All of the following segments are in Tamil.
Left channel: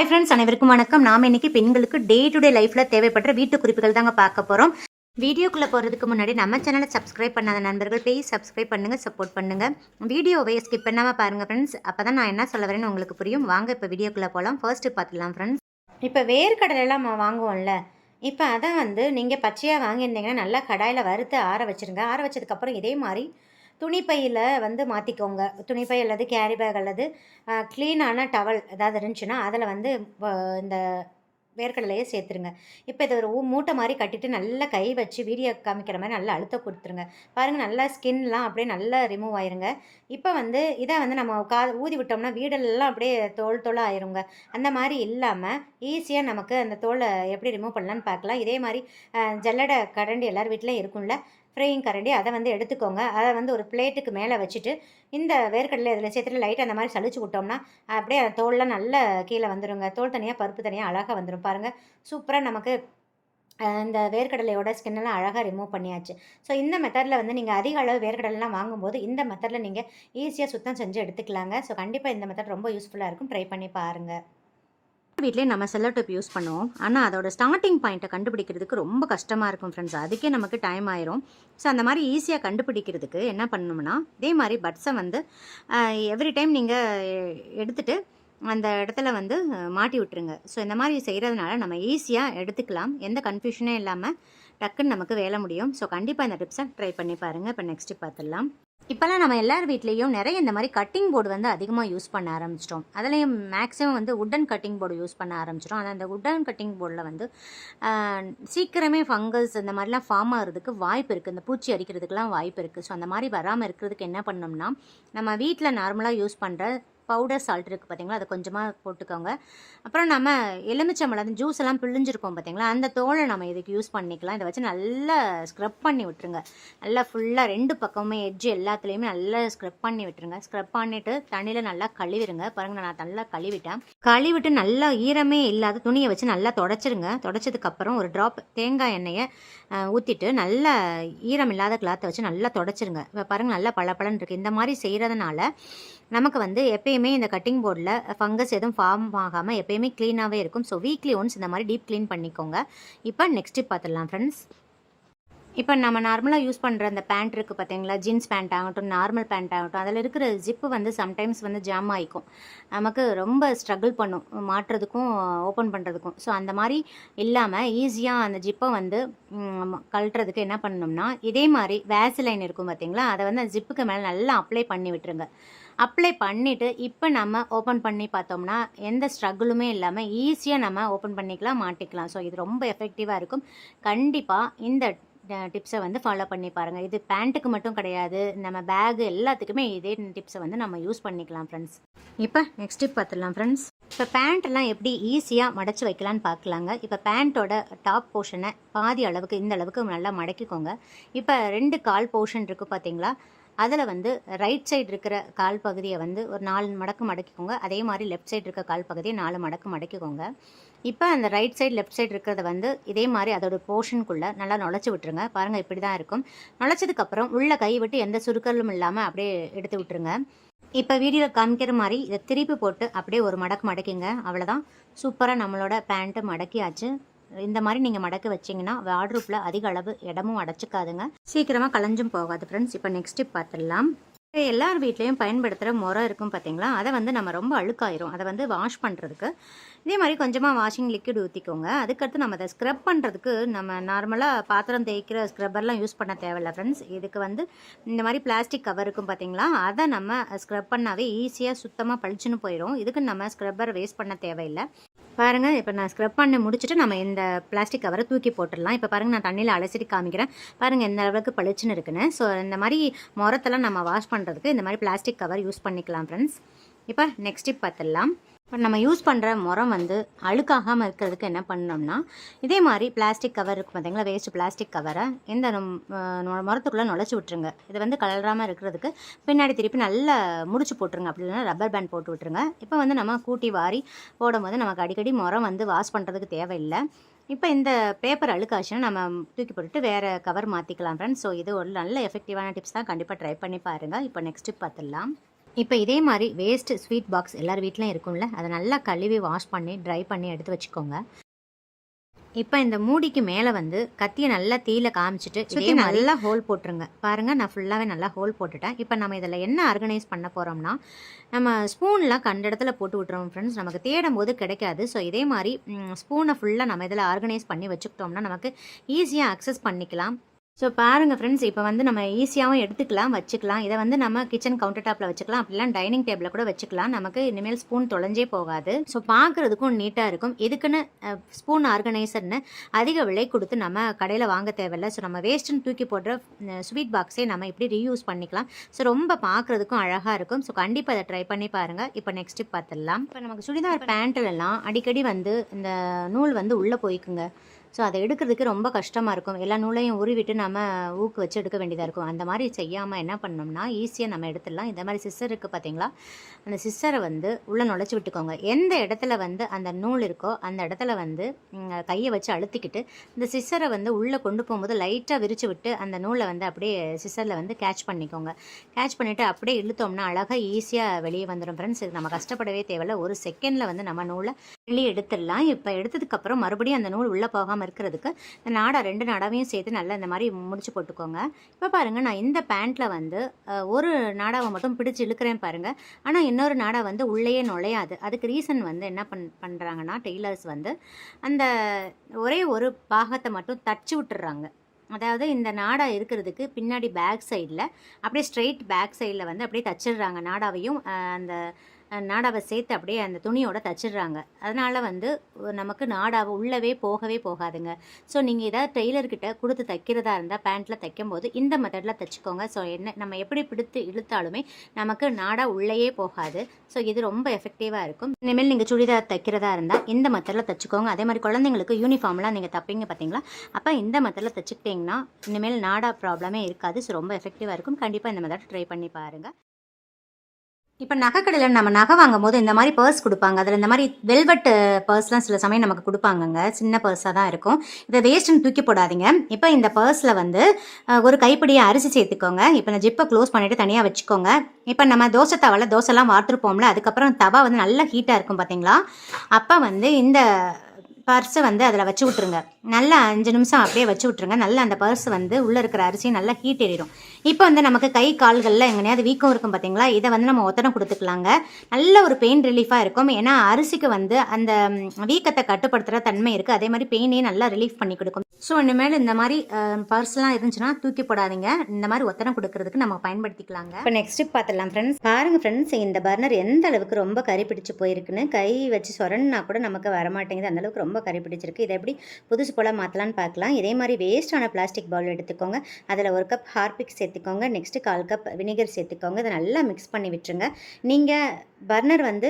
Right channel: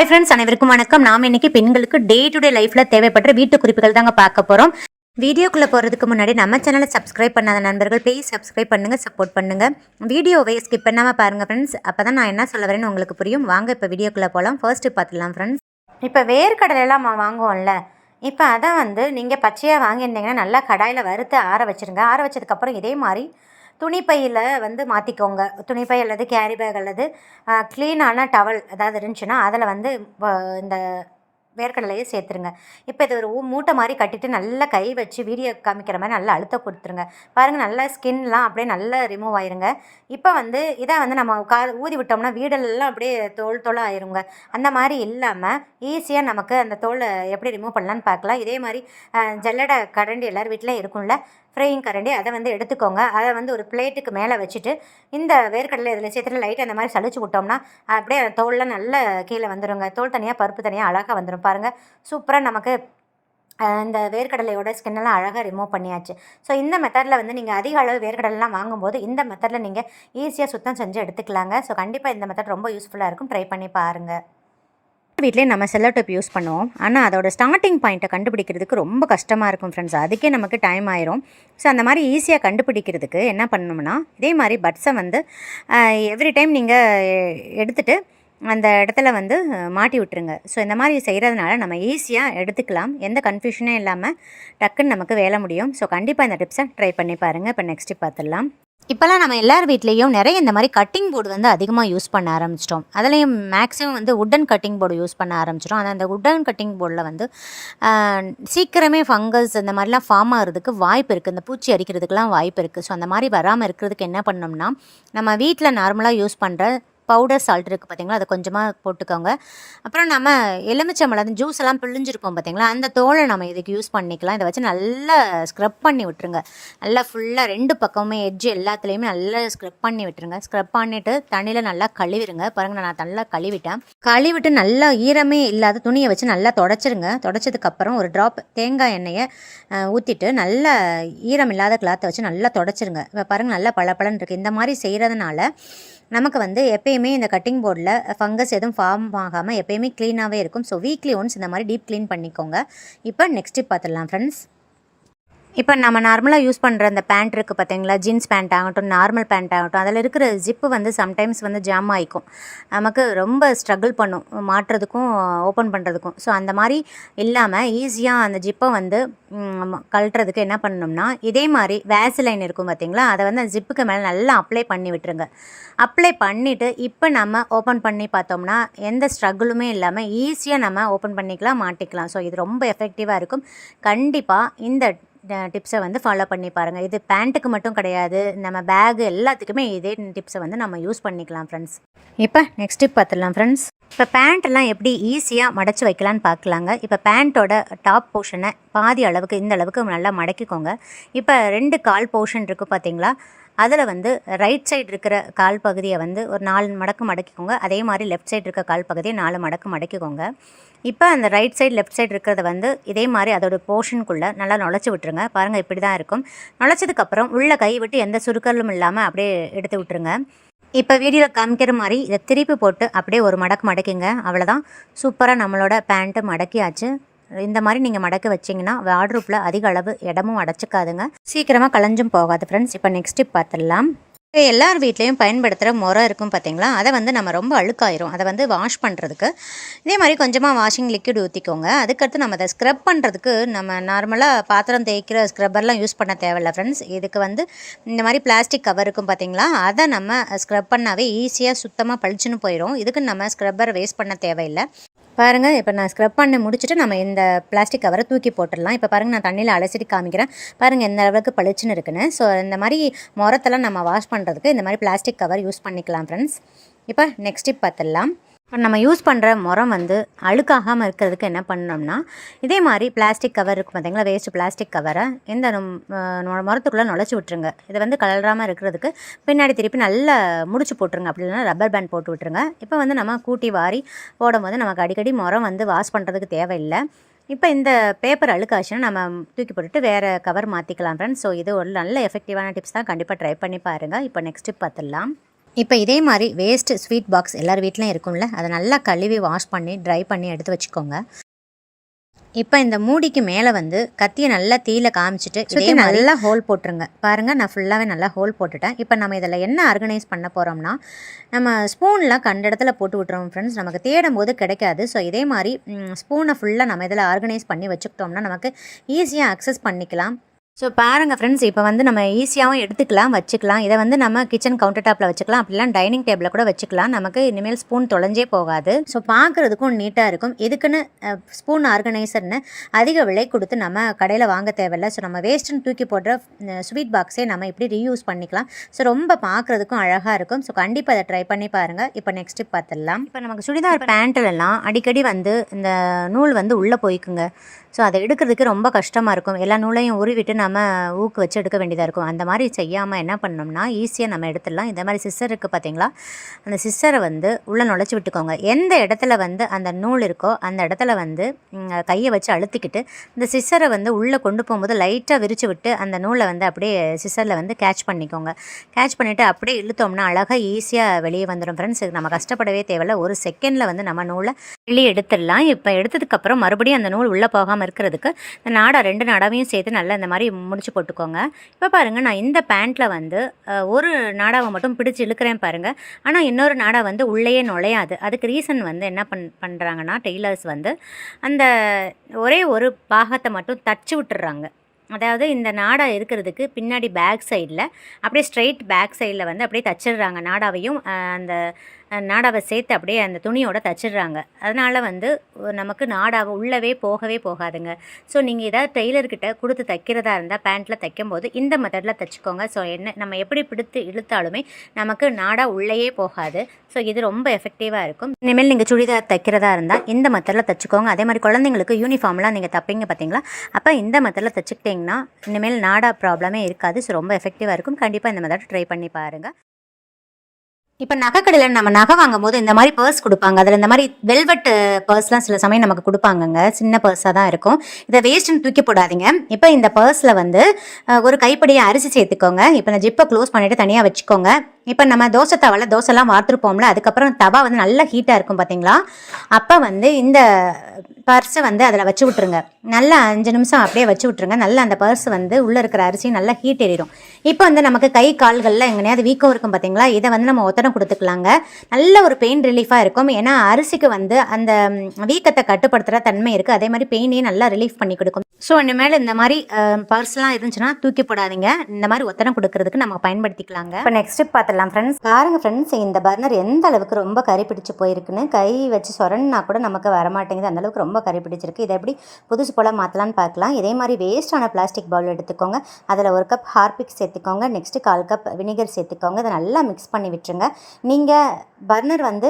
ஹாய் ஃப்ரெண்ட்ஸ் அனைவருக்கும் வணக்கம். நாம் இன்னைக்கு பெண்களுக்கு டே டு டே லைஃப்ல தேவைப்படுற வீட்டு குறிப்புகள் தாங்க பார்க்க போகிறோம் வீடியோக்குள்ளே போகிறதுக்கு முன்னாடி நம்ம சேனலை சப்ஸ்கிரைப் பண்ணாத நண்பர்கள் ப்ளீஸ் சப்ஸ்கிரைப் பண்ணுங்க சப்போர்ட் பண்ணுங்கள் வீடியோவை ஸ்கிப் பண்ணாம பாருங்கள் ஃப்ரெண்ட்ஸ் அப்போ தான் நான் என்ன சொல்ல வரேன்னு உங்களுக்கு புரியும். வாங்க இப்போ வீடியோக்குள்ளே போகலாம் ஃபர்ஸ்ட்டு பார்த்துலாம் ஃப்ரெண்ட்ஸ் இப்போ வேர்க்கடலைலாம் நம்ம வாங்குவோம்ல. இப்போ அதை வந்து நீங்கள் பச்சையாக வாங்கியிருந்தீங்கன்னா நல்லா கடாயில் வறுத்து ஆற வச்சிருங்க. ஆற வச்சதுக்கப்புறம் இதே மாதிரி துணிப்பையில் வந்து மாற்றிக்கோங்க துணிப்பை அல்லது கேரி பேக் அல்லது க்ளீனான டவல் ஏதாவது இருந்துச்சுன்னா அதில் வந்து இந்த வேர்க்கடலையே சேர்த்துருங்க. இப்போ இது ஒரு மூட்டை மாதிரி கட்டிட்டு நல்லா கை வச்சு வீடியோ காமிக்கிற மாதிரி நல்லா அழுத்த கொடுத்துருங்க. பாருங்கள் நல்லா ஸ்கின்லாம் அப்படியே நல்லா ரிமூவ் ஆயிருங்க. இப்போ வந்து இதை வந்து நம்ம கா ஊதி விட்டோம்னா வீடெல்லாம் அப்படியே தோல் தோலாக ஆயிருங்க. அந்த மாதிரி இல்லாமல் ஈஸியாக நமக்கு அந்த தோலை எப்படி ரிமூவ் பண்ணலான்னு பார்க்கலாம். இதே மாதிரி அஹ், ஜல்லடை கரண்டி எல்லோரும் வீட்டிலையும் இருக்கும்ல ஃப்ரையிங் கரண்டி அதை வந்து எடுத்துக்கோங்க. அதை வந்து ஒரு பிளேட்டுக்கு மேலே வச்சுட்டு இந்த வேர்க்கடலை இதில் சேர்த்துட்டு லைட்டாக அந்த மாதிரி சளிச்சு விட்டோம்னா அப்படியே அந்த தோலில் நல்ல கீழே வந்துருங்க. தோல் தனியாக பருப்பு தனியாக அழகாக வந்துடும் பாருங்கள் சூப்பராக நமக்கு இந்த வேர்க்கடலையோட ஸ்கின்னெல்லாம் அழகாக ரிமூவ் பண்ணியாச்சு. ஸோ இந்த மெத்தடில் வந்து நீங்கள் அதிக அளவு வேர்க்கடலாம் வாங்கும்போது இந்த மெத்தடில் நீங்கள் ஈஸியாக சுத்தம் செஞ்சு எடுத்துக்கலாங்க. ஸோ கண்டிப்பாக இந்த மெத்தட் ரொம்ப யூஸ்ஃபுல்லாக இருக்கும். ட்ரை பண்ணி பாருங்கள் வீட்லேயே நம்ம செல்லோ டேப் யூஸ் பண்ணுவோம். ஆனால் அதோட ஸ்டார்டிங் பாயிண்ட்டை கண்டுபிடிக்கிறதுக்கு ரொம்ப கஷ்டமாக இருக்கும் ஃப்ரெண்ட்ஸ் அதுக்கே நமக்கு டைம் ஆயிரும். ஸோ அந்த மாதிரி ஈஸியாக கண்டுபிடிக்கிறதுக்கு என்ன பண்ணணும்னா இதே மாதிரி பட்ஸை வந்து எவ்ரி டைம் நீங்கள் எடுத்துகிட்டு அந்த இடத்துல வந்து மாட்டி விட்டுருங்க. ஸோ இந்த மாதிரி செய்கிறதுனால நம்ம ஈஸியாக எடுத்துக்கலாம். எந்த கன்ஃபியூஷனும் இல்லாமல் டக்குன்னு நமக்கு வேலை முடியும். ஸோ கண்டிப்பாக இந்த டிப்ஸை ட்ரை பண்ணி பாருங்கள் இப்போ நெக்ஸ்ட்டு பார்த்துடலாம். இப்போல்லாம் நம்ம எல்லார் வீட்லேயும் நிறைய இந்த மாதிரி கட்டிங் போர்டு வந்து அதிகமாக யூஸ் பண்ண ஆரம்பிச்சிட்டோம். அதுலேயும் மேக்ஸிமம் வந்து உட்டன் கட்டிங் போர்டு யூஸ் பண்ண ஆரம்பிச்சிட்டோம். ஆனால் அந்த உட்டன் கட்டிங் போர்டில் வந்து சீக்கிரமே ஃபங்கஸ் இந்த மாதிரிலாம் ஃபார்ம் ஆகிறதுக்கு வாய்ப்பு இருக்குது இந்த பூச்சி அரிக்கிறதுக்கெலாம் வாய்ப்பு இருக்குது ஸோ அந்த மாதிரி வராமல் இருக்கிறதுக்கு என்ன பண்ணோம்னா நம்ம வீட்டில் நார்மலாக யூஸ் பண்ணுற பவுடர் சால்ட் இருக்குது பார்த்தீங்களா அதை கொஞ்சமாக போட்டுக்கோங்க. அப்புறம் நம்ம எலுமிச்சம்பழம் ஜூஸ் எல்லாம் பிழிஞ்சிருப்போம் பார்த்தீங்களா அந்த தோலை நம்ம இதுக்கு யூஸ் பண்ணிக்கலாம். இதை வச்சு நல்லா ஸ்க்ரப் பண்ணி விட்டுருங்க. நல்லா ஃபுல்லாக ரெண்டு பக்கமுமே எட்ஜ் எல்லாத்துலேயுமே நல்லா ஸ்க்ரப் பண்ணி விட்டுருங்க. ஸ்க்ரப் பண்ணிவிட்டு தண்ணியில் நல்லா கழுவிடுங்க. பாருங்கள் நான் நல்லா கழுவிட்டேன். கழுவிட்டு நல்லா ஈரமே இல்லாத துணியை வச்சு நல்லா தொடச்சிருங்க. தொடச்சதுக்கப்புறம் ஒரு ட்ராப் தேங்காய் எண்ணெயை ஊற்றிட்டு நல்லா ஈரம் இல்லாத கிளாத்தை வச்சு நல்லா தொடச்சிருங்க. இப்போ பாருங்கள் நல்லா பளபளன்னு இருக்குது இந்த மாதிரி செய்கிறதுனால நமக்கு வந்து எப்பயுமே இந்த கட்டிங் போர்டில் ஃபங்கஸ் எதுவும் ஃபார்ம் ஆகாமல் எப்பயுமே க்ளீனாகவே இருக்கும். ஸோ வீக்லி ஒன்ஸ் இந்த மாதிரி டீப் க்ளீன் பண்ணிக்கோங்க. இப்போ நெக்ஸ்ட் பார்த்துடலாம் ஃப்ரெண்ட்ஸ் இப்போ நம்ம நார்மலாக யூஸ் பண்ணுற அந்த பேண்ட் இருக்குது பார்த்தீங்களா? ஜீன்ஸ் பேண்ட் ஆகட்டும் நார்மல் பேண்ட் ஆகட்டும் அதில் இருக்கிற ஜிப்பு வந்து சம்டைம்ஸ் வந்து ஜாம் ஆகிக்கும் நமக்கு ரொம்ப ஸ்ட்ரகிள் பண்ணும் மாட்டுறதுக்கும் ஓப்பன் பண்ணுறதுக்கும் ஸோ அந்த மாதிரி இல்லாமல் ஈஸியாக அந்த ஜிப்பை வந்து கழட்டுறதுக்கு என்ன பண்ணணும்னா இதே மாதிரி வேசிலைன் இருக்கும் பார்த்தீங்களா? அதை வந்து அந்த ஜிப்புக்கு மேலே நல்லா அப்ளை பண்ணி விட்டுருங்க. அப்ளை பண்ணிவிட்டு இப்போ நம்ம ஓப்பன் பண்ணி பார்த்தோம்னா எந்த ஸ்ட்ரகிளுமே இல்லாமல் ஈஸியாக நம்ம ஓப்பன் பண்ணிக்கலாம் மாட்டிக்கலாம். ஸோ இது ரொம்ப எஃபெக்டிவாக இருக்கும். கண்டிப்பாக இந்த டிப்ஸை வந்து ஃபாலோ பண்ணி பாருங்கள் இது பேண்ட்டுக்கு மட்டும் கிடையாது. நம்ம பேகு எல்லாத்துக்குமே இதே டிப்ஸை வந்து நம்ம யூஸ் பண்ணிக்கலாம் ஃப்ரெண்ட்ஸ் இப்போ நெக்ஸ்ட் டிப் பார்த்துடலாம் ஃப்ரெண்ட்ஸ் இப்போ பேண்ட்டெல்லாம் எப்படி ஈஸியாக மடச்சி வைக்கலான்னு பார்க்கலாங்க. இப்போ பேண்ட்டோட டாப் போர்ஷனை பாதி அளவுக்கு இந்த அளவுக்கு நல்லா மடக்கிக்கோங்க. இப்போ ரெண்டு கால் போர்ஷன் இருக்குது பார்த்தீங்களா அதில் வந்து ரைட் சைடு இருக்கிற கால் பகுதியை வந்து ஒரு நாலு மடக்கு மடக்கிக்கோங்க. அதே மாதிரி லெஃப்ட் சைடு இருக்க கால் பகுதியை நாலு மடக்கு மடக்கிக்கோங்க. இப்போ அந்த ரைட் சைடு லெஃப்ட் சைடு இருக்கிறத வந்து இதே மாதிரி அதோட போர்ஷனுக்குள்ளே நல்லா நுழைச்சி விட்டுருங்க. பாருங்கள் இப்படி தான் இருக்கும் நுழைச்சதுக்கப்புறம் உள்ள கை விட்டு எந்த சுருக்கலும் இல்லாமல் அப்படியே எடுத்து விட்டுருங்க. இப்போ வீடியோவில் காமிக்கிற மாதிரி இதை திருப்பி போட்டு அப்படியே ஒரு மடக்கு மடக்கிங்க. அவ்வளோதான் சூப்பராக நம்மளோட பேண்ட்டு மடக்கியாச்சு. இந்த மாதிரி நீங்கள் மடக்க வச்சிங்கன்னா வார்ட்ரூப்பில் அதிக அளவு இடமும் அடைச்சிக்காதுங்க. சீக்கிரமாக களைஞ்சும் போகாது ஃப்ரெண்ட்ஸ் இப்போ நெக்ஸ்ட் டிப் பார்த்துடலாம். எல்லார் வீட்லேயும் பயன்படுத்துகிற முறை இருக்கும் பார்த்தீங்களா அதை வந்து நம்ம ரொம்ப அழுக்காயிரும். அதை வந்து வாஷ் பண்ணுறதுக்கு இதே மாதிரி கொஞ்சமாக வாஷிங் லிக்விட் ஊற்றிக்கோங்க அதுக்கடுத்து நம்ம அதை ஸ்க்ரப் பண்ணுறதுக்கு நம்ம நார்மலாக பாத்திரம் தேய்க்கிற ஸ்க்ரப்பர்லாம் யூஸ் பண்ண தேவையில்ல ஃப்ரெண்ட்ஸ் இதுக்கு வந்து இந்த மாதிரி பிளாஸ்டிக் கவர் இருக்கும் பார்த்தீங்களா அதை நம்ம ஸ்க்ரப் பண்ணாவே ஈஸியாக சுத்தமாக பளிச்சுன்னு போயிடும் இதுக்கு நம்ம ஸ்க்ரப்பர் வேஸ்ட் பண்ண தேவையில்லை. பாருங்கள் இப்போ நான் ஸ்க்ரப் பண்ணி முடிச்சுட்டு நம்ம இந்த பிளாஸ்டிக் கவரை தூக்கி போட்டுடலாம். இப்போ பாருங்கள் நான் தண்ணியில் அலசிட்டு காமிக்கிறேன். பாருங்கள் எந்த அளவுக்கு பளிச்சுன்னு இருக்குன்னு. ஸோ இந்த மாதிரி முரத்தெல்லாம் நம்ம வாஷ் பண்ணுறதுக்கு இந்த மாதிரி பிளாஸ்டிக் கவர் யூஸ் பண்ணிக்கலாம் ஃப்ரெண்ட்ஸ் இப்போ நெக்ஸ்ட் டிப் பார்த்துடலாம். இப்போ நம்ம யூஸ் பண்ணுற முறம் வந்து அழுக்காகாமல் இருக்கிறதுக்கு என்ன பண்ணோம்னா இதே மாதிரி பிளாஸ்டிக் கவர் இருக்கும் பார்த்தீங்களா வேஸ்ட்டு பிளாஸ்டிக் கவரை இந்த முறத்துக்குள்ளே நுழைச்சி விட்டுருங்க. இதை வந்து கலராமல் இருக்கிறதுக்கு பின்னாடி திருப்பி நல்லா முடிச்சு போட்டுருங்க. அப்படி இல்லைன்னா ரப்பர் பேண்ட் போட்டு விட்டுருங்க. இப்போ வந்து நம்ம கூட்டி வாரி போடும்போது நமக்கு அடிக்கடி முறம் வந்து வாஷ் பண்ணுறதுக்கு தேவையில்லை. இப்போ இந்த பேப்பர் அழுக்காச்சுன்னா நம்ம தூக்கி போட்டுட்டு வேறு கவர் மாற்றிக்கலாம் ஃப்ரெண்ட்ஸ் ஸோ இது ஒரு நல்ல எஃபெக்டிவான டிப்ஸ் தான். கண்டிப்பாக ட்ரை பண்ணி பாருங்கள் இப்போ நெக்ஸ்ட் டிப் பார்த்துடலாம். இப்போ இதே மாதிரி வேஸ்ட் ஸ்வீட் பாக்ஸ் எல்லார் வீட்லையும் இருக்கும்ல அதை நல்லா கழுவி வாஷ் பண்ணி ட்ரை பண்ணி எடுத்து வச்சுக்கோங்க. இப்போ இந்த மூடிக்கு மேலே வந்து கத்தியை நல்லா தீயில காமிச்சிட்டு சுற்றி நல்லா ஹோல் போட்டுருங்க. பாருங்கள் நான் ஃபுல்லாகவே நல்லா ஹோல் போட்டுட்டேன். இப்போ நம்ம இதில் என்ன ஆர்கனைஸ் பண்ண போகிறோம்னா நம்ம ஸ்பூன்லாம் கண்ட இடத்துல போட்டு விட்டுறோம் ஃப்ரெண்ட்ஸ் நமக்கு தேடும் போது கிடைக்காது. ஸோ இதே மாதிரி ஸ்பூனை ஃபுல்லாக நம்ம இதில் ஆர்கனைஸ் பண்ணி வச்சுக்கிட்டோம்னா நமக்கு ஈஸியாக அக்சஸ் பண்ணிக்கலாம். ஸோ பாருங்கள் ஃப்ரெண்ட்ஸ் இப்போ வந்து நம்ம ஈஸியாகவும் எடுத்துக்கலாம் வச்சுக்கலாம். இதை வந்து நம்ம கிச்சன் கவுண்டர் டாப்பில் வச்சுக்கலாம். அப்படிலாம் டைனிங் டேபிளில் கூட வச்சுக்கலாம். நமக்கு இனிமேல் ஸ்பூன் தொலைஞ்சே போகாது. ஸோ பார்க்குறதுக்கும் நீட்டாக இருக்கும். இதுக்குன்னு ஸ்பூன் ஆர்கனைசர்னு அதிக விலை கொடுத்து நம்ம கடையில் வாங்க தேவையில்ல. ஸோ நம்ம வேஸ்ட்டுன்னு தூக்கி போடுற ஸ்வீட் பாக்ஸே நம்ம இப்படி ரீயூஸ் பண்ணிக்கலாம். ஸோ ரொம்ப பார்க்குறதுக்கும் அழகாக இருக்கும். ஸோ கண்டிப்பாக அதை ட்ரை பண்ணி பாருங்கள் இப்போ நெக்ஸ்ட் பார்த்துடலாம். இப்போ நமக்கு சுடிதார் பேண்ட்டிலலாம் அடிக்கடி வந்து இந்த நூல் வந்து உள்ளே போய்க்குங்க. ஸோ அதை எடுக்கிறதுக்கு ரொம்ப கஷ்டமாக இருக்கும். எல்லா நூலையும் உருவிட்டு நம்ம ஊக்கு வச்சு எடுக்க வேண்டியதாக இருக்கும். அந்த மாதிரி செய்யாமல் என்ன பண்ணோம்னா ஈஸியாக நம்ம எடுத்துடலாம். இந்த மாதிரி சிஸ்டருக்கு பார்த்தீங்களா அந்த சிஸ்டரை வந்து உள்ளே நுழைச்சி விட்டுக்கோங்க. எந்த இடத்துல வந்து அந்த நூல் இருக்கோ அந்த இடத்துல வந்து கையை வச்சு அழுத்திக்கிட்டு இந்த சிஸ்டரை வந்து உள்ளே கொண்டு போகும்போது லைட்டாக விரிச்சு விட்டு அந்த நூலை வந்து அப்படியே சிஸ்டரில் வந்து கேட்ச் பண்ணிக்கோங்க. கேட்ச் பண்ணிவிட்டு அப்படியே இழுத்தோம்னா அழகாக ஈஸியாக வெளியே வந்துடும் ஃப்ரெண்ட்ஸ் நம்ம கஷ்டப்படவே தேவையில்ல. ஒரு செகண்டில் வந்து நம்ம நூலை வெளியே எடுத்துடலாம். இப்போ எடுத்ததுக்கப்புறம் மறுபடியும் அந்த நூல் உள்ளே போகாமல் இருக்கிறதுக்கு இந்த நாடா ரெண்டு நாடாவையும் சேர்த்து நல்லா இந்த மாதிரி முடிச்சு போட்டுக்கோங்க. இப்போ பாருங்கள் நான் இந்த பேண்ட்டில் வந்து ஒரு நாடாவை மட்டும் பிடிச்சி இழுக்கிறேன் பாருங்கள் ஆனால் இன்னொரு நாடா வந்து உள்ளேயே நுழையாது. அதுக்கு ரீசன் வந்து என்ன பண் பண்ணுறாங்கன்னா டெய்லர்ஸ் வந்து அந்த ஒரே ஒரு பாகத்தை மட்டும் தச்சு விட்டுறாங்க. அதாவது இந்த நாடா இருக்கிறதுக்கு பின்னாடி பேக் சைடில் அப்படியே ஸ்ட்ரெயிட் பேக் சைடில் வந்து அப்படியே தச்சிடுறாங்க நாடாவையும் அந்த நாடாவை சேர்த்து அப்படியே அந்த துணியோட தச்சிடுறாங்க. அதனால் வந்து நமக்கு நாடாவை உள்ளவே போகவே போகாதுங்க. ஸோ நீங்கள் ஏதாவது டெய்லர்கிட்ட கொடுத்து தைக்கிறதா இருந்தால் பேண்ட்டில் தைக்கும்போது இந்த மெத்தடில் தைச்சிக்கோங்க. ஸோ என்ன நம்ம எப்படி பிடித்து இழுத்தாலுமே நமக்கு நாடா உள்ளேயே போகாது. ஸோ இது ரொம்ப எஃபெக்டிவாக இருக்கும். இனிமேல் நீங்கள் சுடிதார் தைக்கிறதா இருந்தால் இந்த மெத்தடில் தைச்சிக்கோங்க. அதே மாதிரி குழந்தைங்களுக்கு யூனிஃபார்ம்லாம் நீங்கள் தைப்பீங்க பார்த்தீங்களா அப்போ இந்த மெத்தடில் தைச்சிக்கிட்டிங்கன்னா இனிமேல் நாடா ப்ராப்ளமே இருக்காது. ஸோ ரொம்ப எஃபெக்டிவாக இருக்கும். கண்டிப்பாக இந்த மெத்தட் ட்ரை பண்ணி பாருங்கள் இப்போ நகைக்கடையில் நம்ம நகை வாங்கும் போது இந்த மாதிரி பர்ஸ் கொடுப்பாங்க. அதில் இந்த மாதிரி வெல்வெட் பர்ஸ்லாம் சில சமயம் நமக்கு கொடுப்பாங்கங்க. சின்ன பர்ஸாக தான் இருக்கும். இதை வேஸ்ட்டுன்னு தூக்கி போடாதீங்க. இப்போ இந்த பர்ஸில் வந்து ஒரு கைப்பிடியை அரிசி சேர்த்துக்கோங்க. இப்போ இந்த ஜிப்பை க்ளோஸ் பண்ணிவிட்டு தனியாக வச்சுக்கோங்க. இப்போ நம்ம தோசை தவாவில் தோசைலாம் வார்த்துருப்போம்ல அதுக்கப்புறம் தவா வந்து நல்லா ஹீட்டாக இருக்கும் பார்த்தீங்களா அப்போ வந்து இந்த பர்ஸை வந்து அதில் வச்சு விட்ருங்க நல்லா அஞ்சு நிமிஷம் அப்படியே வச்சு விட்ருங்க நல்லா அந்த பர்ஸ் வந்து உள்ளே இருக்கிற அரிசியும் நல்லா ஹீட் ஏறிடும். இப்போ வந்து நமக்கு கை கால்களில் எங்கனையாவது வீக்கம் இருக்கும் பார்த்தீங்களா இதை வந்து நம்ம ஒத்தனை கொடுத்துக்கலாங்க. நல்ல ஒரு பெயின் ரிலீஃபாக இருக்கும். ஏன்னா அரிசிக்கு வந்து அந்த வீக்கத்தை கட்டுப்படுத்துகிற தன்மை இருக்குது அதே மாதிரி பெயினையும் நல்லா ரிலீஃப் பண்ணி கொடுக்கும். ஸோ இனிமேல் இந்த மாதிரி பர்ஸ்லாம் இருந்துச்சுன்னா தூக்கி போடாதீங்க. இந்த மாதிரி ஒத்தனை கொடுக்கறதுக்கு நம்ம பயன்படுத்திக்கலாங்க. இப்போ நெக்ஸ்ட் பார்த்துடலாம் ஃப்ரெண்ட்ஸ் பாருங்க ஃப்ரெண்ட்ஸ் இந்த பர்னர் எந்த அளவுக்கு ரொம்ப கறி பிடிச்சி போயிருக்குன்னு. கை வச்சு சொரன்னா கூட நமக்கு வரமாட்டேங்குது. அந்தளவுக்கு ரொம்ப ரொம்ப கறி பிடிச்சிருக்கு. இதை எப்படி புதுசு போல் மாற்றலான்னு பார்க்கலாம். இதே மாதிரி வேஸ்ட்டான பிளாஸ்டிக் பவுல் எடுத்துக்கோங்க. அதில் ஒரு கப் ஹார்பிக் சேர்த்துக்கோங்க. நெக்ஸ்ட்டு கால் கப் வினிகர் சேர்த்துக்கோங்க. இதை நல்லா மிக்ஸ் பண்ணி விட்டுருங்க. நீங்கள் பர்னர் வந்து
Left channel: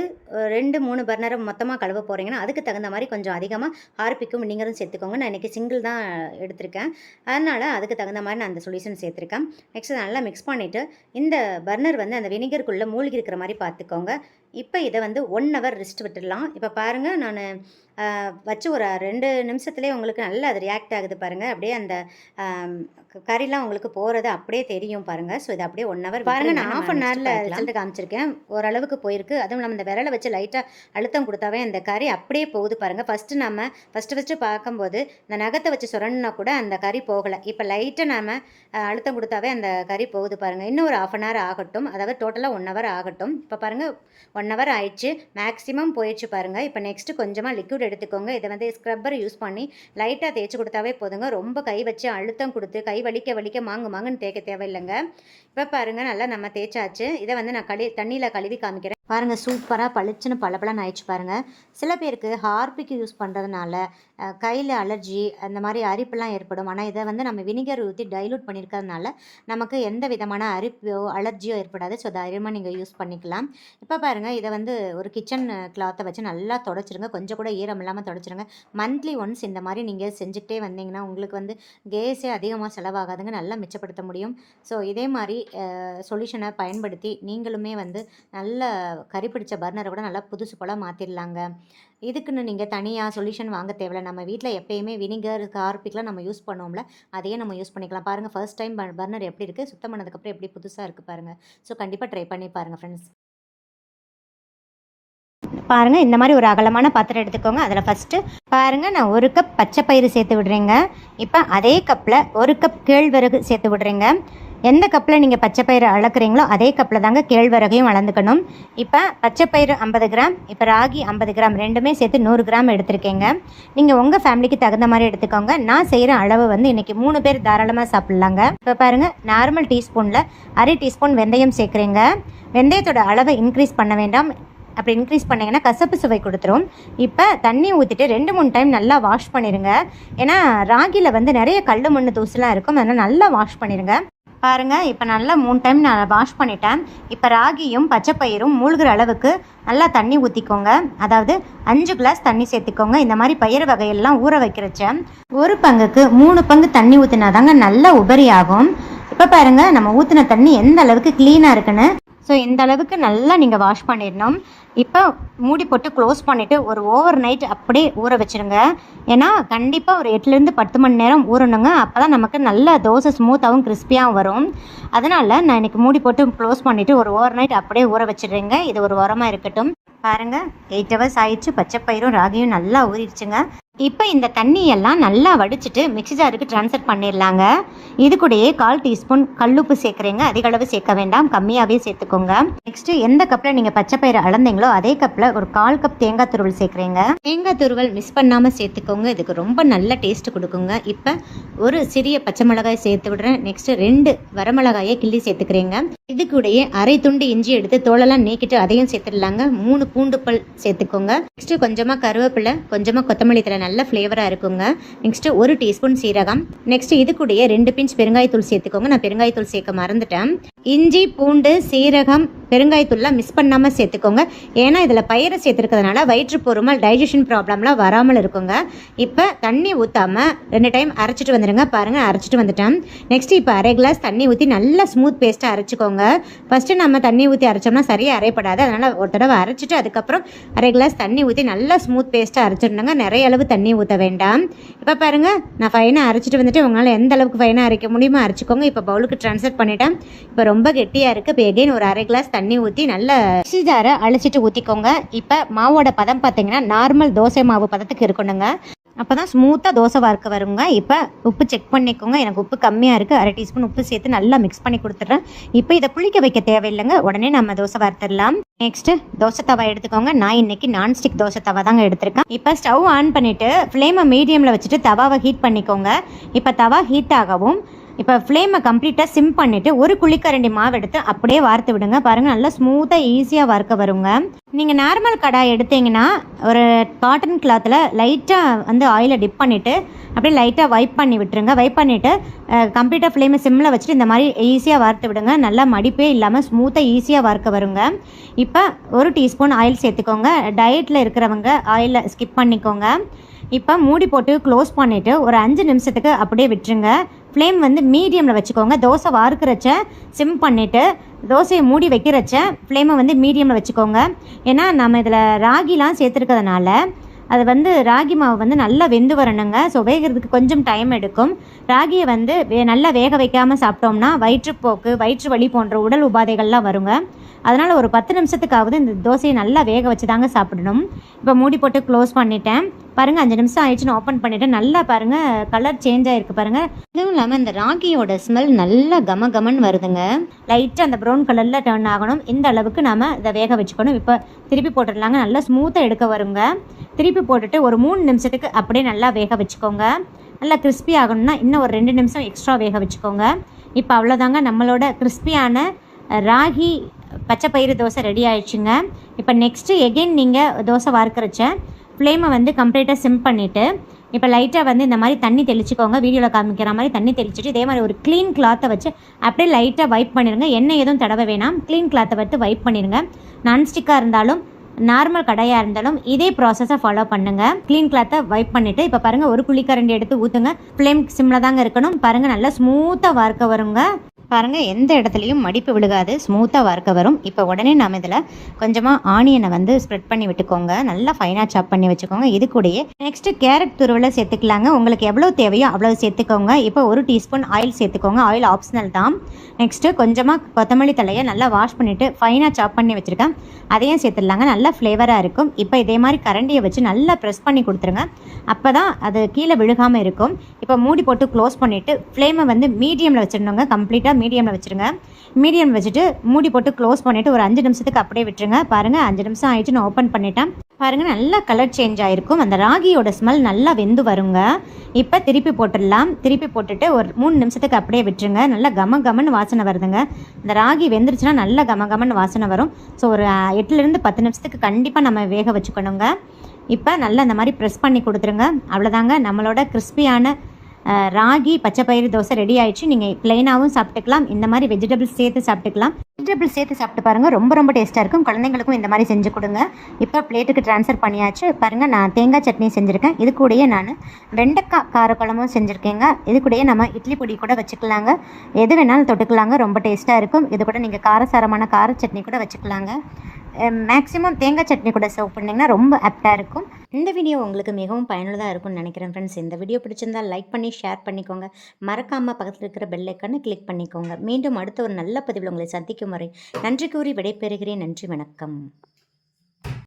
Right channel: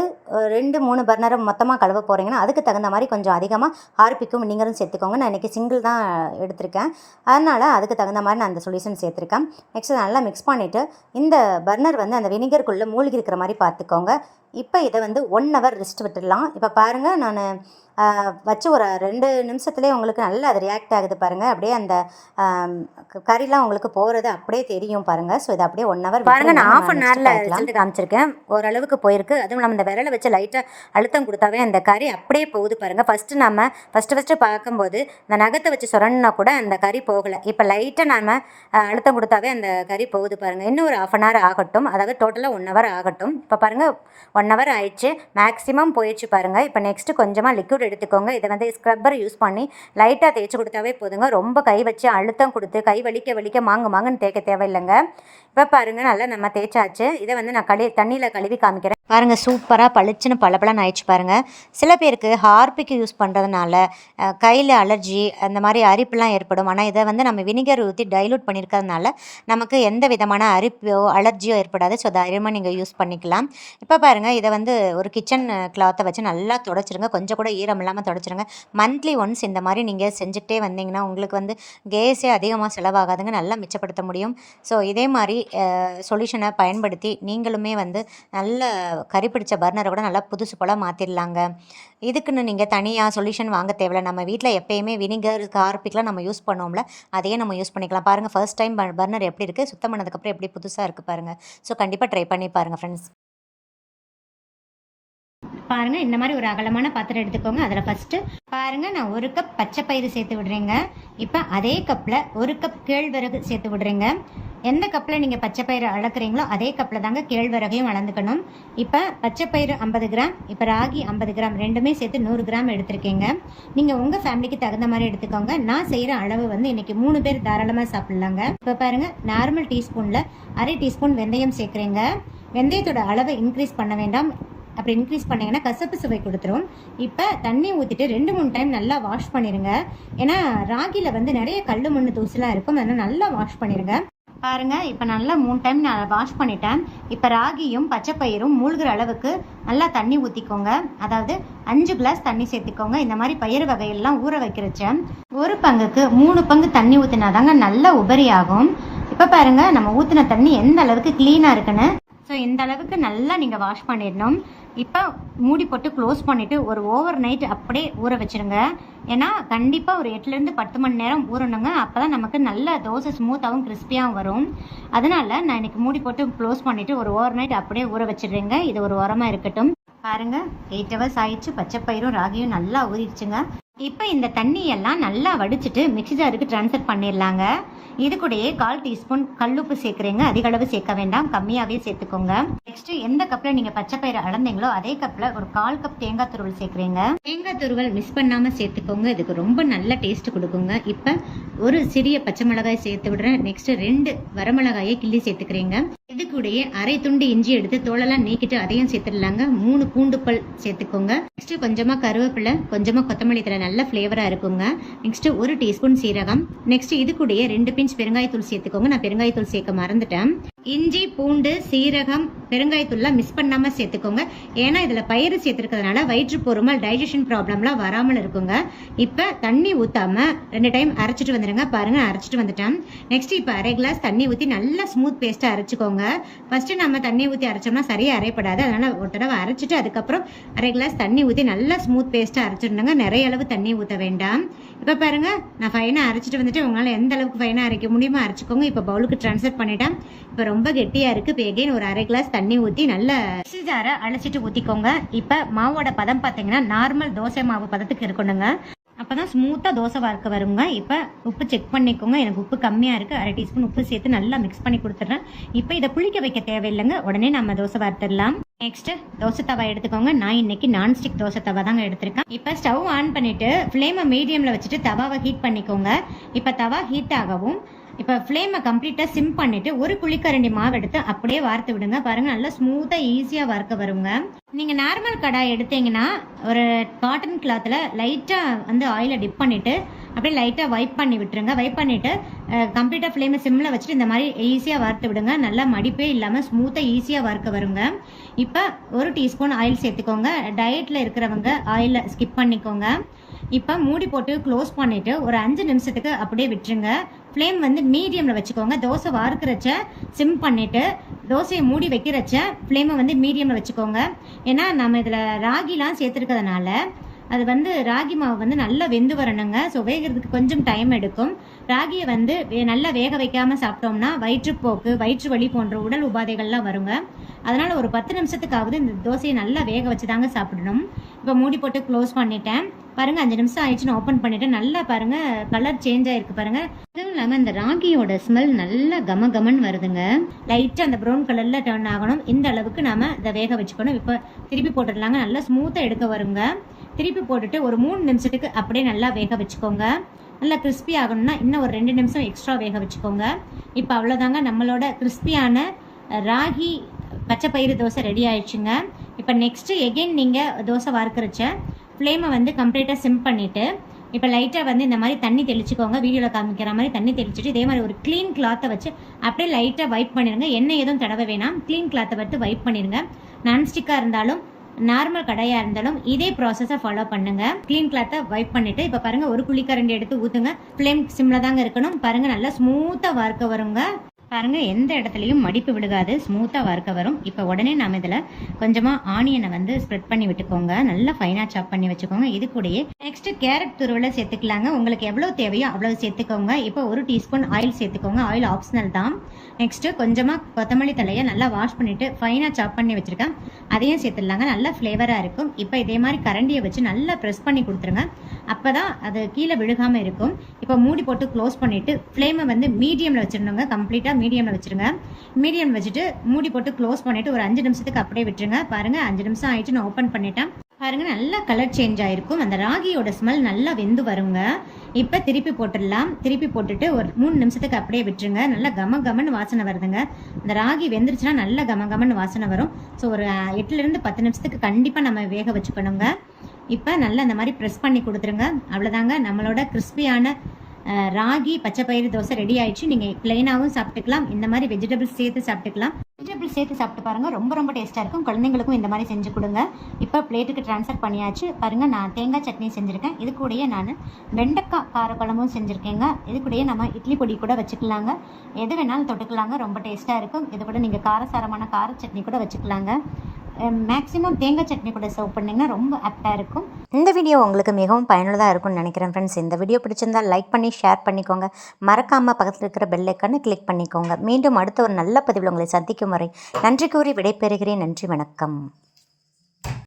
ரெண்டு மூணு பர்னரை மொத்தமாக கழுவ போகிறீங்கன்னா அதுக்கு தகுந்த மாதிரி கொஞ்சம் அதிகமாக ஹார்பிக்கும் வினிகரும் சேர்த்துக்கோங்க. நான் இன்றைக்கி சிங்கிள் தான் எடுத்திருக்கேன். அதனால் அதுக்கு தகுந்த மாதிரி நான் அந்த சொல்யூஷன் சேர்த்துருக்கேன். நெக்ஸ்ட் நல்லா மிக்ஸ் பண்ணிவிட்டு இந்த பர்னர் வந்து அந்த வினிகருக்குள்ளே மூழ்கி இருக்கிற மாதிரி பார்த்துக்கோங்க. இப்போ இதை வந்து ஒன் ஹவர் ரெஸ்ட் விட்டுடலாம். இப்போ பாருங்கள் நான் வச்சு ஒரு ரெண்டு நிமிஷத்துலேயே உங்களுக்கு நல்லா அது ரியாக்ட் ஆகுது பாருங்கள் அப்படியே அந்த கறிலாம் உங்களுக்கு போகிறது அப்படியே தெரியும் பாருங்கள் ஸோ இது அப்படியே ஒன் ஹவர் பாருங்கள் நான் ஆஃப் அன் ஹவரில் ரிசல்ட் காமிச்சிருக்கேன். ஓரளவுக்கு போயிருக்கு. அதுவும் நம்ம இந்த விரலை வச்சு லைட்டாக அழுத்தம் கொடுத்தாவே அந்த கறி அப்படியே போகுது பாருங்கள் ஃபஸ்ட்டு நம்ம ஃபஸ்ட்டு ஃபஸ்ட்டு பார்க்கும்போது இந்த நகத்தை வச்சு சொரணுன்னா கூட அந்த கறி போகலை. இப்போ லைட்டாக அஹ், அழுத்தம் கொடுத்தாவே அந்த கறி போகுது பாருங்கள் இன்னும் ஒரு ஆஃப் அன் ஹவர் ஆகட்டும். அதாவது டோட்டலாக ஒன் ஹவர் ஆகட்டும். இப்போ பாருங்கள் ஒன் ஹவர் ஆயிடுச்சு. மேக்ஸிமம் போயிடுச்சு பாருங்கள் இப்போ நெக்ஸ்ட்டு கொஞ்சமாக லிக்விட் எடுத்துக்கோங்க. இதை வந்து ஸ்க்ரப்பர் யூஸ் பண்ணி லைட்டாக தேய்ச்சி கொடுத்தாவே போதுங்க. ரொம்ப கை வச்சு அழுத்தம் கொடுத்து கை வலிக்க வலிக்க மாங்கு மாங்குன்னு தேய்க்க தேவையில்லைங்க. இப்போ பாருங்கள் நல்லா நம்ம தேய்ச்சாச்சு. இதை வந்து நான் கழி தண்ணியில் கழுவி காமிக்கிறேன். பாருங்கள் சூப்பராக பளிச்சுன்னு பளபளன்னு ஆயிடுச்சு பாருங்கள் சில பேருக்கு ஹார்பிக் யூஸ் பண்ணுறதுனால கையில் அலர்ஜி அந்த மாதிரி அரிப்புலாம் ஏற்படும். ஆனால் இதை வந்து நம்ம வினிகர் ஊற்றி டைலூட் பண்ணியிருக்கிறதுனால நமக்கு எந்த விதமான அரிப்போ அலர்ஜியோ ஏற்படாது. ஸோ தைரியமாக நீங்கள் யூஸ் பண்ணிக்கலாம். இப்போ பாருங்கள் இதை வந்து ஒரு கிச்சன் கிளாத்தை வச்சு நல்லா தொடச்சிருங்க. கொஞ்சம் கூட ஈரம் இல்லாமல் தொடச்சிருங்க. மந்த்லி ஒன்ஸ் இந்த மாதிரி நீங்கள் செஞ்சுக்கிட்டே வந்தீங்கன்னா உங்களுக்கு வந்து கேஸே அதிகமாக செலவாகாதுங்க. நல்லா மிச்சப்படுத்த முடியும். ஸோ இதே மாதிரி சொல்யூஷனை பயன்படுத்தி நீங்களுமே வந்து நல்ல கறி பிடிச்ச பர்னரை கூட நல்லா புதுசு போல் மாற்றிடலாங்க இதுக்குன்னு நீங்கள் தனியாக சொல்யூஷன் வாங்க தேவையில்ல. நம்ம வீட்டில் எப்பயுமே வினிகர் கார்பிக்லாம் நம்ம யூஸ் பண்ணோம்ல அதையே நம்ம யூஸ் பண்ணிக்கலாம். பாருங்கள் ஃபர்ஸ்ட் டைம் பர்னர் எப்படி இருக்குது சுத்தம் பண்ணதுக்கப்புறம் எப்படி புதுசாக இருக்குது பாருங்கள் ஸோ கண்டிப்பாக ட்ரை பண்ணி பாருங்கள் ஃப்ரெண்ட்ஸ் பாருங்கள் இந்த மாதிரி ஒரு அகலமான பாத்திரம் எடுத்துக்கோங்க. அதில் ஃபஸ்ட்டு பாருங்கள் நான் ஒரு கப் பச்சை பயிறு சேர்த்து விடுறேங்க. இப்போ அதே கப்பில் ஒரு கப் கேழ்வரகு சேர்த்து விடுறேங்க. எந்த கப்பில் நீங்கள் பச்சை பயிறு அளக்குறீங்களோ அதே கப்பில் தாங்க கேழ்வரகையும் வளர்ந்துக்கணும் இப்போ பச்சை பயிறு ஐம்பது கிராம் இப்போ ராகி ஐம்பது கிராம் ரெண்டுமே சேர்த்து நூறு கிராம் எடுத்திருக்கேங்க. நீங்கள் உங்கள் ஃபேமிலிக்கு தகுந்த மாதிரி எடுத்துக்கோங்க. நான் செய்கிற அளவு வந்து இன்றைக்கி மூணு பேர் தாராளமாக சாப்பிட்லாங்க. இப்போ பாருங்கள் நார்மல் டீஸ்பூனில் அரை டீஸ்பூன் வெந்தயம் சேர்க்குறீங்க. வெந்தயத்தோட அளவை இன்க்ரீஸ் பண்ண வேண்டாம். அப்படி இன்க்ரீஸ் பண்ணிங்கன்னா கசப்பு சுவை கொடுத்துரும். இப்போ தண்ணி ஊற்றிட்டு ரெண்டு மூணு டைம் நல்லா வாஷ் பண்ணிடுங்க ஏன்னா ராகியில் வந்து நிறைய கல் மண் தூசுலாம் இருக்கும். அதனால் நல்லா வாஷ் பண்ணிடுங்க பாருங்கள் இப்போ நல்லா மூணு டைம் நான் வாஷ் பண்ணிட்டேன். இப்போ ராகியும் பச்சைப்பயிரும் மூழ்கிற அளவுக்கு நல்லா தண்ணி ஊற்றிக்கோங்க அதாவது அஞ்சு கிளாஸ் தண்ணி சேர்த்துக்கோங்க. இந்த மாதிரி பயிர் வகையெல்லாம் ஊற வைக்கிறச்ச ஒரு பங்குக்கு மூணு பங்கு தண்ணி ஊற்றினா தாங்க நல்ல உபரி ஆகும் இப்போ பாருங்கள் நம்ம ஊற்றின தண்ணி எந்த அளவுக்கு க்ளீனாக இருக்குன்னு. ஸோ இந்த அளவுக்கு நல்லா நீங்கள் வாஷ் பண்ணிடணும். இப்போ மூடி போட்டு க்ளோஸ் பண்ணிவிட்டு ஒரு ஓவர் நைட் அப்படியே ஊற வச்சுருங்க. ஏன்னா கண்டிப்பாக ஒரு எட்டுலேருந்து பத்து மணி நேரம் ஊறணுங்க. அப்போ தான் நமக்கு நல்ல தோசை ஸ்மூத்தாகவும் கிறிஸ்பியாகவும் வரும். அதனால் நான் இன்றைக்கி மூடி போட்டு க்ளோஸ் பண்ணிவிட்டு ஒரு ஓவர் நைட் அப்படியே ஊற வச்சிடுறேங்க. இது ஒரு உரமாக இருக்கட்டும். பாருங்கள் எயிட் ஹவர்ஸ் ஆயிடுச்சு. பச்சைப்பயிரும் ராகியும் நல்லா ஊறிடுச்சுங்க. இப்போ இந்த தண்ணியெல்லாம் நல்லா வடிச்சிட்டு மிக்ஸி ஜாருக்கு ட்ரான்ஸ்ஃபர் பண்ணிடலாங்க. இது கூடயே கால் டீஸ்பூன் கல்லுப்பு சேர்க்குறீங்க. அதிக அளவு சேர்க்க வேண்டாம். கம்மியாகவே சேர்த்துக்கோங்க. நெக்ஸ்ட்டு எந்த கப்பில் நீங்கள் பச்சை பயிறு அளந்தீங்களோ அதே கப்பில் ஒரு கால் கப் தேங்காய் துருவல் சேர்க்குறீங்க. தேங்காய் துருவல் மிஸ் பண்ணாமல் சேர்த்துக்கோங்க. இதுக்கு ரொம்ப நல்ல டேஸ்ட் கொடுக்குங்க. இப்போ ஒரு சிறிய பச்சை மிளகாய் சேர்த்து விடுறேன். நெக்ஸ்ட்டு ரெண்டு வரமிளகாயை கிள்ளி சேர்த்துக்கிறீங்க. இது கூடயே அரை துண்டு இஞ்சி எடுத்து தோலெல்லாம் நீக்கிட்டு அதையும் சேர்த்துடலாங்க. மூணு பூண்டு பல் சேர்த்துக்கோங்க. நெக்ஸ்ட்டு கொஞ்சமாக கருவேப்பிலை கொஞ்சமாக கொத்தமல்லி தலை நல்ல ஃப்ளேவராக இருக்குங்க. நெக்ஸ்ட் ஒரு டீஸ்பூன் சீரகம். நெக்ஸ்ட் இது கூடயே ரெண்டு பிஞ்ச் பெருங்காயத்தூள் சேர்த்துக்கோங்க. நான் பெருங்காயத்தூள் சேர்க்க மறந்துட்டேன். இஞ்சி பூண்டு சீரகம் பெருங்காயத்தூள்லாம் மிஸ் பண்ணாமல் சேர்த்துக்கோங்க. ஏன்னா இதில் பயிரை சேர்த்துருக்கிறதுனால வயிற்று பொறுமல் டைஜஷன் ப்ராப்ளம்லாம் வராமல் இருக்குங்க. இப்போ தண்ணி ஊற்றாமல் ரெண்டு டைம் அரைச்சிட்டு வந்துடுங்க பாருங்கள் அரைச்சிட்டு வந்துட்டேன். நெக்ஸ்ட் இப்போ அரை கிளாஸ் தண்ணி ஊற்றி நல்லா ஸ்மூத் பேஸ்ட்டாக அரைச்சிக்கோங்க. ஃபஸ்ட்டு நம்ம தண்ணி ஊற்றி அரைச்சோம்னா சரியாக அரைப்படாது. அதனால் ஒரு தடவை அரைச்சிட்டு அதுக்கப்புறம் அரை கிளாஸ் தண்ணி ஊற்றி நல்லா ஸ்மூத் பேஸ்ட்டாக அரைச்சிடணுங்க. நிறைய அளவு தண்ணி ஊற்ற வேண்டாம். இப்போ பாருங்கள் நான் ஃபைனாக அரைச்சிட்டு வந்துட்டு உங்களால் எந்த அளவுக்கு ஃபைனாக அரைக்க முடியுமோ அரைச்சிக்கோங்க. இப்போ பவுலுக்கு ட்ரான்ஸ்ஃபர் பண்ணிட்டேன். இப்போ ரொம்ப கெட்டியாக இருக்குது இப்போ எகைன் ஒரு அரை கிளாஸ் தண்ணி ஊற்றி நல்லா மிக்ஸி ஜாரை அழைச்சிட்டு ஊற்றிக்கோங்க இப்போ மாவோட பதம் பார்த்தீங்கன்னா நார்மல் தோசை மாவு பதத்துக்கு இருக்கணுங்க. அப்போ தான் ஸ்மூத்தாக தோசை வார்க்க வருங்க. இப்போ உப்பு செக் பண்ணிக்கோங்க. எனக்கு உப்பு கம்மியாக இருக்குது அரை டீஸ்பூன் உப்பு சேர்த்து நல்லா மிக்ஸ் பண்ணி கொடுத்துட்றேன். இப்போ இதை புளிக்க வைக்க தேவையில்லைங்க. உடனே நம்ம தோசை வார்த்துடலாம் நெக்ஸ்ட்டு தோசை தவா எடுத்துக்கோங்க. நான் இன்னைக்கு நான்ஸ்டிக் தோசை தவா தாங்க எடுத்திருக்கேன். இப்போ ஸ்டவ் ஆன் பண்ணிவிட்டு ஃப்ளேமை மீடியமில் வச்சுட்டு தவாவை ஹீட் பண்ணிக்கோங்க. இப்போ தவா ஹீட் ஆகவும் இப்போ ஃப்ளேமை கம்ப்ளீட்டாக சிம் பண்ணிவிட்டு ஒரு குழிக்கரண்டி மாவு எடுத்து அப்படியே வார்த்து விடுங்க. பாருங்கள் நல்லா ஸ்மூத்தாக ஈஸியாக வறுக்க வருங்க. நீங்கள் நார்மல் கடாய் எடுத்தீங்கன்னா ஒரு காட்டன் கிளாத்தில் லைட்டாக வந்து ஆயிலை டிப் பண்ணிவிட்டு அப்படியே லைட்டாக வைப் பண்ணி விட்டுருங்க. வைப் பண்ணிவிட்டு கம்ப்ளீட்டாக ஃப்ளேமை சிம்மில் வச்சுட்டு இந்த மாதிரி ஈஸியாக வறுத்து விடுங்க. நல்லா மடிப்பே இல்லாமல் ஸ்மூத்தாக ஈஸியாக வறுக்க வருங்க. இப்போ ஒரு டீஸ்பூன் ஆயில் சேர்த்துக்கோங்க. டயட்டில் இருக்கிறவங்க ஆயிலை ஸ்கிப் பண்ணிக்கோங்க. இப்போ மூடி போட்டு க்ளோஸ் பண்ணிவிட்டு ஒரு அஞ்சு நிமிஷத்துக்கு அப்படியே விட்டுருங்க. ஃப்ளேம் வந்து மீடியமில் வச்சுக்கோங்க. தோசை வார்க்கிறச்ச சிம் பண்ணிவிட்டு தோசையை மூடி வைக்கிறச்ச ஃப்ளேமை வந்து மீடியமில் வச்சுக்கோங்க. ஏன்னா நம்ம இதில் ராகிலாம் சேர்த்துருக்கிறதுனால அது வந்து ராகி மாவு வந்து நல்லா வெந்து வரணுங்க. ஸோ வேகிறதுக்கு கொஞ்சம் டைம் எடுக்கும். ராகியை வந்து வே- நல்லா வேக வைக்காமல் சாப்பிட்டோம்னா வயிற்றுப்போக்கு வயிற்று வலி போன்ற உடல் உபாதைகள்லாம் வருங்க. அதனால் ஒரு பத்து நிமிஷத்துக்காவது இந்த தோசையை நல்லா வேக வச்சு தாங்க சாப்பிடணும். இப்போ மூடி போட்டு க்ளோஸ் பண்ணிட்டேன். பாருங்கள் அஞ்சு நிமிஷம் ஆயிடுச்சுன்னு ஓப்பன் பண்ணிவிட்டு நல்லா பாருங்கள் கலர் சேஞ்ச் ஆகிருக்கு பாருங்கள் இதுவும் இல்லாமல் இந்த ராகியோட ஸ்மெல் நல்லா கம கமன்னு வருதுங்க. லைட்டாக அந்த ப்ரௌன் கலரில் டர்ன் ஆகணும். இந்த அளவுக்கு நாம் இதை வேக வச்சுக்கணும். இப்போ திருப்பி போட்டுடலாங்க. நல்லா ஸ்மூத்தாக எடுக்க வருங்க. திருப்பி போட்டுட்டு ஒரு மூணு நிமிஷத்துக்கு அப்படியே நல்லா வேக வச்சுக்கோங்க. நல்லா கிறிஸ்பி ஆகணும்னா இன்னும் ஒரு ரெண்டு நிமிஷம் எக்ஸ்ட்ரா வேக வச்சுக்கோங்க. இப்போ அவ்வளோதாங்க நம்மளோட கிறிஸ்பியான ராகி பச்சை பயிறு தோசை ரெடி ஆயிடுச்சுங்க. இப்போ நெக்ஸ்ட்டு எகெயின் நீங்கள் தோசை வார்க்கறச்ச ஃப்ளேமை வந்து கம்ப்ளீட்டாக சிம் பண்ணிவிட்டு இப்போ லைட்டாக வந்து இந்த மாதிரி தண்ணி தெளிச்சுக்கோங்க வீடியோவில் காமிக்கிற மாதிரி தண்ணி தெளிச்சுட்டு இதே மாதிரி ஒரு க்ளீன் கிளாத்தை வச்சு அப்படியே லைட்டாக வைப் பண்ணிடுங்க எண்ணெய் எதுவும் தடவ வேணாம். க்ளீன் கிளாத்தை வச்சு வைப் பண்ணிடுங்க நான்ஸ்டிக்காக இருந்தாலும் நார்மல் கடையாக இருந்தாலும் இதே ப்ராசஸை ஃபாலோ பண்ணுங்கள் க்ளீன் கிளாத்தை வைப் பண்ணிட்டு இப்போ பாருங்கள் ஒரு புளிக்கரண்டி எடுத்து ஊற்றுங்க ஃப்ளேம் சிம்மில் தாங்க இருக்கணும். பாருங்கள் நல்லா ஸ்மூத்தாக வார்க்க வருங்க. பாருங்கள் எந்த இடத்துலையும் மடிப்பு விழுகாது ஸ்மூத்தாக வறுக்க வரும். இப்போ உடனே நாம் இதில் கொஞ்சமாக ஆனியனை வந்து ஸ்ப்ரெட் பண்ணி விட்டுக்கோங்க. நல்லா ஃபைனாக சாப் பண்ணி வச்சுக்கோங்க. இது கூடயே நெக்ஸ்ட்டு கேரட் துருவலை சேர்த்துக்கலாங்க. உங்களுக்கு எவ்வளோ தேவையோ அவ்வளோ சேர்த்துக்கோங்க. இப்போ ஒரு டீஸ்பூன் ஆயில் சேர்த்துக்கோங்க. ஆயில் ஆப்ஷனல் தான். நெக்ஸ்ட்டு கொஞ்சமாக கொத்தமல்லி தலையை நல்லா வாஷ் பண்ணிவிட்டு ஃபைனாக சாப் பண்ணி வச்சுருக்கேன். அதையும் சேர்த்துடலாங்க. நல்லா ஃப்ளேவராக இருக்கும். இப்போ இதே மாதிரி கரண்டியை வச்சு நல்லா ப்ரெஸ் பண்ணி கொடுத்துருங்க. அப்போ தான் அது கீழே விழுகாமல் இருக்கும். இப்போ மூடி போட்டு க்ளோஸ் பண்ணிவிட்டு ஃப்ளேமை வந்து மீடியமில் வச்சுருந்தோங்க கம்ப்ளீட்டாக மீடியமில் வச்சுருங்க. மீடியம் வச்சுட்டு மூடி போட்டு க்ளோஸ் பண்ணிவிட்டு ஒரு அஞ்சு நிமிஷத்துக்கு அப்படியே விட்டுருங்க. பாருங்கள் அஞ்சு நிமிஷம் ஆயிடுச்சு நான் ஓப்பன் பண்ணிட்டேன். பாருங்கள் நல்லா கலர் சேஞ்ச் ஆகிருக்கும் அந்த ராகியோட ஸ்மெல் நல்லா வெந்து வருங்க. இப்போ திருப்பி போட்டுடலாம். திருப்பி போட்டுட்டு ஒரு மூணு நிமிஷத்துக்கு அப்படியே விட்டுருங்க. நல்லா கம கமன்னு வாசனை வருதுங்க. இந்த ராகி வெந்துருச்சுன்னா நல்லா கம கமன்னு வாசனை வரும். ஸோ ஒரு எட்டுலேருந்து பத்து நிமிஷத்துக்கு கண்டிப்பாக நம்ம வேக வச்சுக்கணுங்க. இப்போ நல்லா இந்த மாதிரி ப்ரெஸ் பண்ணி கொடுத்துருங்க. அவ்வளோதாங்க நம்மளோட கிறிஸ்பியான ராகி பச்சை பயிறு தோசை ரெடி ஆயிடுச்சு. நீங்கள் பிளெயினாகவும் சாப்பிட்டுக்கலாம். இந்த மாதிரி வெஜிடபிள்ஸ் சேர்த்து சாப்பிட்டுக்கலாம். வெஜிடபிள்ஸ் சேர்த்து சாப்பிட்டு பாருங்கள் ரொம்ப ரொம்ப டேஸ்ட்டாக இருக்கும். குழந்தைங்களுக்கும் இந்த மாதிரி செஞ்சு கொடுங்க. இப்போ பிளேட்டுக்கு ட்ரான்ஸ்ஃபர் பண்ணியாச்சு. பாருங்கள் நான் தேங்காய் சட்னி செஞ்சுருக்கேன். இது கூடயே நான் வெண்டைக்காய் காரக்குழம்பும் செஞ்சுருக்கேங்க. இது கூடயே நம்ம இட்லி பொடி கூட வச்சுக்கலாங்க. எது வேணாலும் தொட்டுக்கலாங்க. ரொம்ப டேஸ்ட்டாக இருக்கும். இது கூட நீங்கள் காரசாரமான கார சட்னி கூட வச்சுக்கலாங்க. மேக்ஸிமம் தேங்காய் சட்னி கூட சர்வ் பண்ணிங்கன்னா ரொம்ப ஆப்டாக இருக்கும். இந்த வீடியோ உங்களுக்கு மிகவும் பயனுள்ளதாக இருக்கும்னு நினைக்கிறேன் ஃப்ரெண்ட்ஸ் இந்த வீடியோ பிடிச்சிருந்தா லைக் பண்ணி ஷேர் பண்ணிக்கோங்க. மறக்காமல் பக்கத்தில் இருக்கிற பெல் ஐக்கானை கிளிக் பண்ணிக்கோங்க. மீண்டும் அடுத்த ஒரு நல்ல பதிவில் உங்களை சந்திக்கும் வரை நன்றி கூறி விடைபெறுகிறேன். நன்றி வணக்கம்.